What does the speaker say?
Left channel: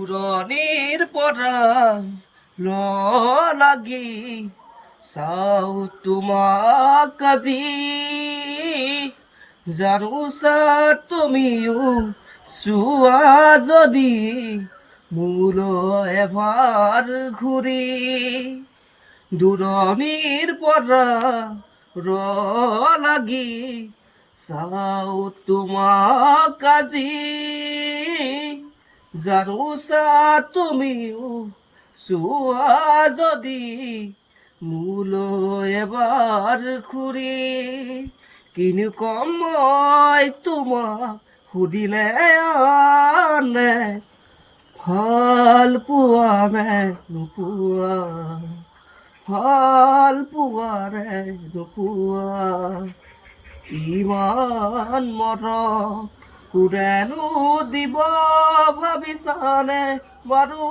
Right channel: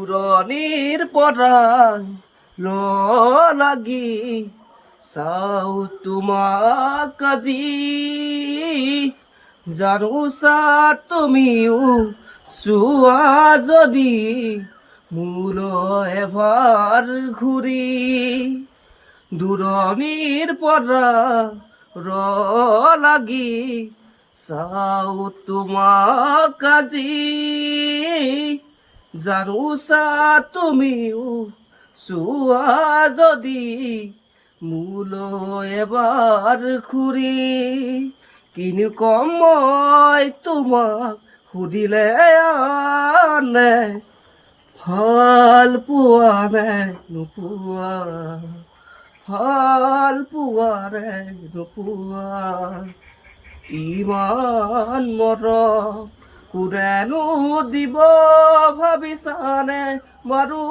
পুৰণিৰ পৰা লাগি চাও তোমাক আজি জানোচা তুমিও চোৱা যদি মোলৈ এবাৰ ঘূৰি দূৰণিৰ পৰা লাগি চাও তোমাক আজি জানোচা তুমিও চোৱা যদি মোলৈ এবাৰ ঘূৰি কিনো কম মই তোমাক সুধিলে আনে ভাল পোৱা নে নোপোৱা ভাল পোৱা নে নোপোৱা ইমান মৰম কোনেনো দিব ভাবিছানে বাৰু